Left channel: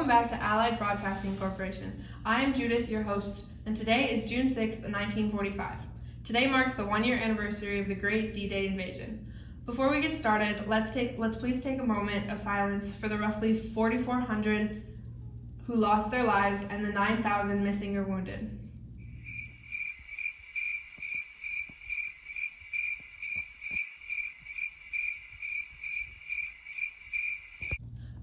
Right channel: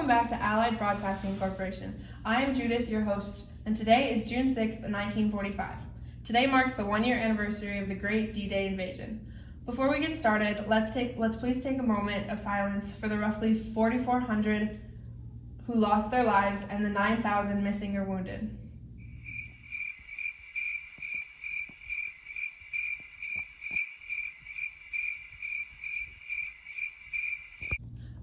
Welcome back to Allied Broadcasting Corporation. I am Judith, your host, and today is June 6th, 1945. Today marks the one-year anniversary of the Great D-Day invasion. Before we get started, let's please take a moment of silence for the roughly 4,400 who lost their lives and the 9,000 missing or wounded.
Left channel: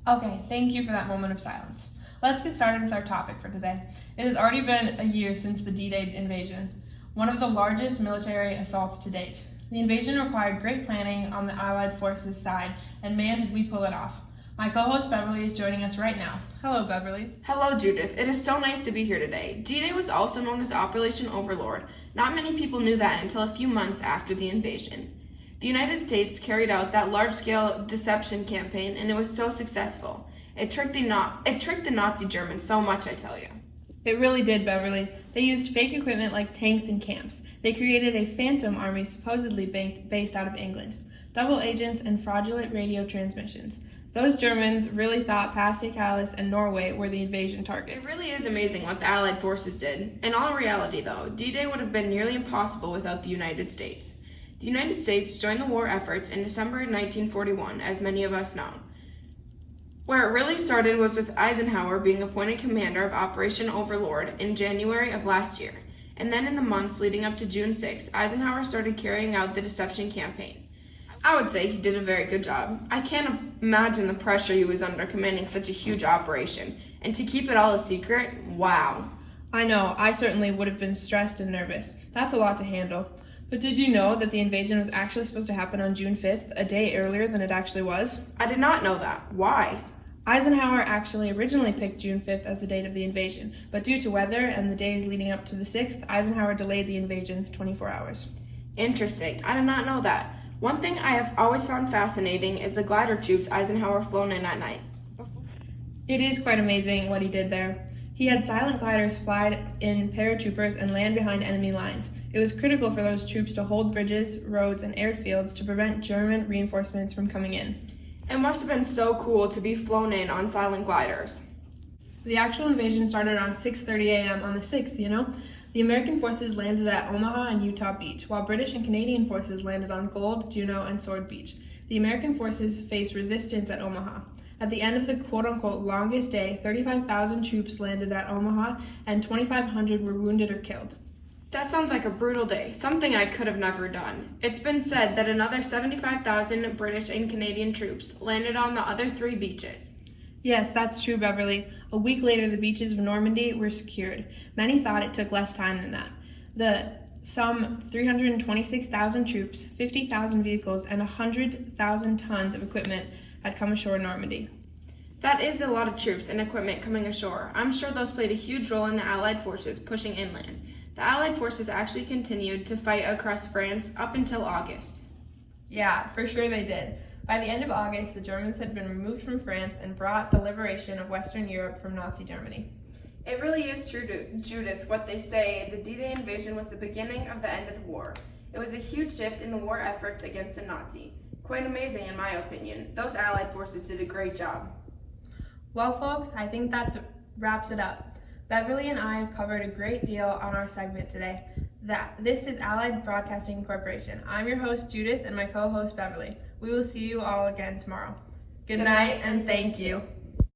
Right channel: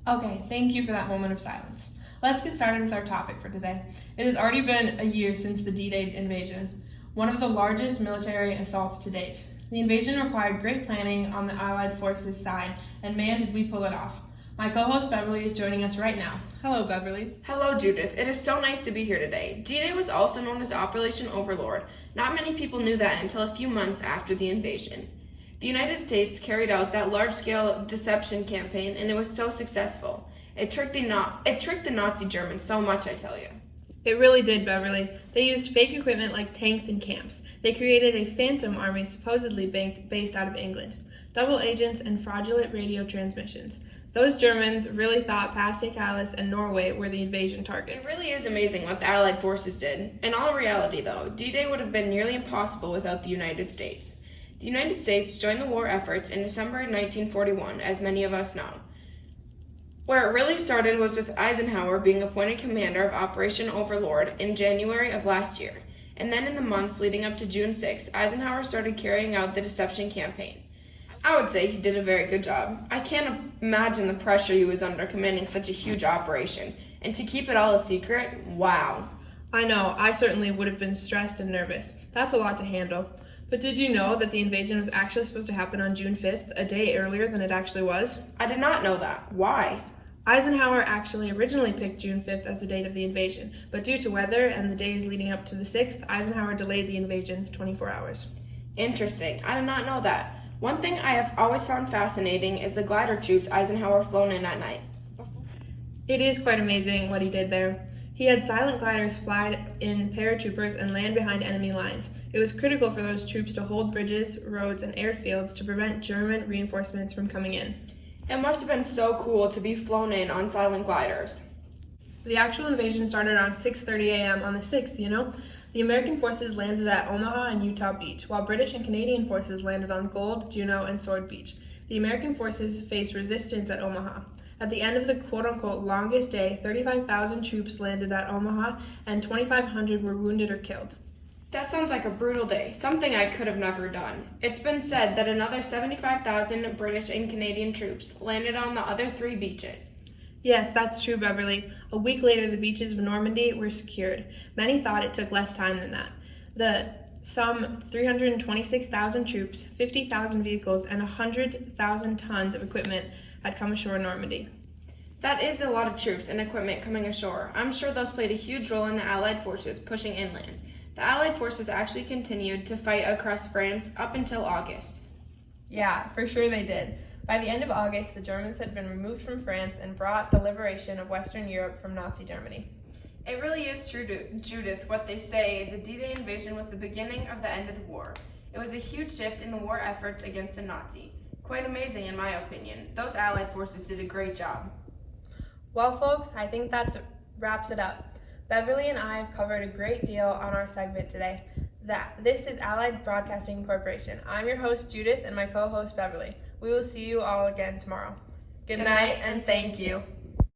Okay, thank you for that moment of silence. Let's get started with our topic for today. It has already been a year since the D-Day invasion, one of the largest military assaults to date. The invasion required great planning on the Allied forces' side, and man, did we pull it off. My co-host Beverly is joining us right now. Hello, Beverly. Hello, Judith. It is so nice to be here today. D-Day was also known as Operation Overlord. Not many people knew that until a few months after the invasion. The United States carried out that large-scale deception campaign, and it was so successful. It tricked the Nazi Germans so much, I tell you. It really did, Beverly. They used fake equipment like tanks and camps. They created a phantom army supposedly based out of England, double agents and fraudulent radio transmissions. Those Germans really thought Pas-de-Calais and Norway were the invasion targets. It really is amazing what the Allied forces did. In all reality, though, D-Day would have been nearly impossible without the United States. The United States joined the war efforts in December 1941, as many of us know. Where it really started was with Eisenhower being appointed commander of Operation Overlord in January of last year. And then in the months leading up to June 6, Eisenhower started carrying out the deception campaign. I would say he did a very good job. I can't imagine the pressure he was under commanding such a huge operation. And to keep it all a secret, wow. I know, I certainly would have been stressed and nervous. That's a lot to handle. But did you know that the invasion was actually supposed to happen on June 5th, a day earlier than it actually was? I did not know that. Why? Eisenhower actually originally picked June 5th as the date of the invasion, but due to weather and the days leading up to the 6th, Eisenhower delayed the invasion 24 hours. Interesting. I did not know that. One thing I have always found fascinating is the glider troops Eisenhower flown in at night. It is quite amazing what he did there. He had silent gliders fly in paratroopers and land behind enemy lines. It was critical for those troops to hold bridges, roads, and airfields to prevent German reinforcements from coming in. It must have been so cool to be flown in on silent gliders. The actual invasion started around 6:30 a.m. on the 6th, you know? The American forces landed at Omaha and Utah Beach, while British and Canadian forces landed on Gold, Juno, and Sword Beach. The American forces faced resistance at Omaha. At the end of the quote-unquote longest day, 35,000 troops landed at Omaha and 2,500 were wounded or killed. That sounds like a brutal day, something I could have never done. It's been said that another 75,000 British and Canadian troops landed on the other 3 beaches. Yes, that's true, Beverly. A week later, the beaches of Normandy were secured. Many thought it took less time than that. Some 326,000 troops, 50,000 vehicles, and 100,000 tons of equipment had come ashore in Normandy. That is a lot of troops and equipment coming ashore. I'm sure those played a huge role in the Allied forces pushing inland. The Allied forces actually continued to fight across France up until August. Yeah, for sure they did. By the end of August, the Germans had been removed from France and brought the liberation of Western Europe from Nazi Germany. It really is true, Judith, what they say. The D-Day invasion was the beginning of the end of the war. It was a huge shift in the war efforts against the Nazi. Quite amazing, in my opinion. Those Allied forces did a great job. Well, folks, I think that wraps it up. Beverly and I have covered a great deal on our segment today. This is Allied Broadcasting Corporation. I'm your host, Judith, and my co-host, Beverly. We will see you all again tomorrow. Good night, and thank you.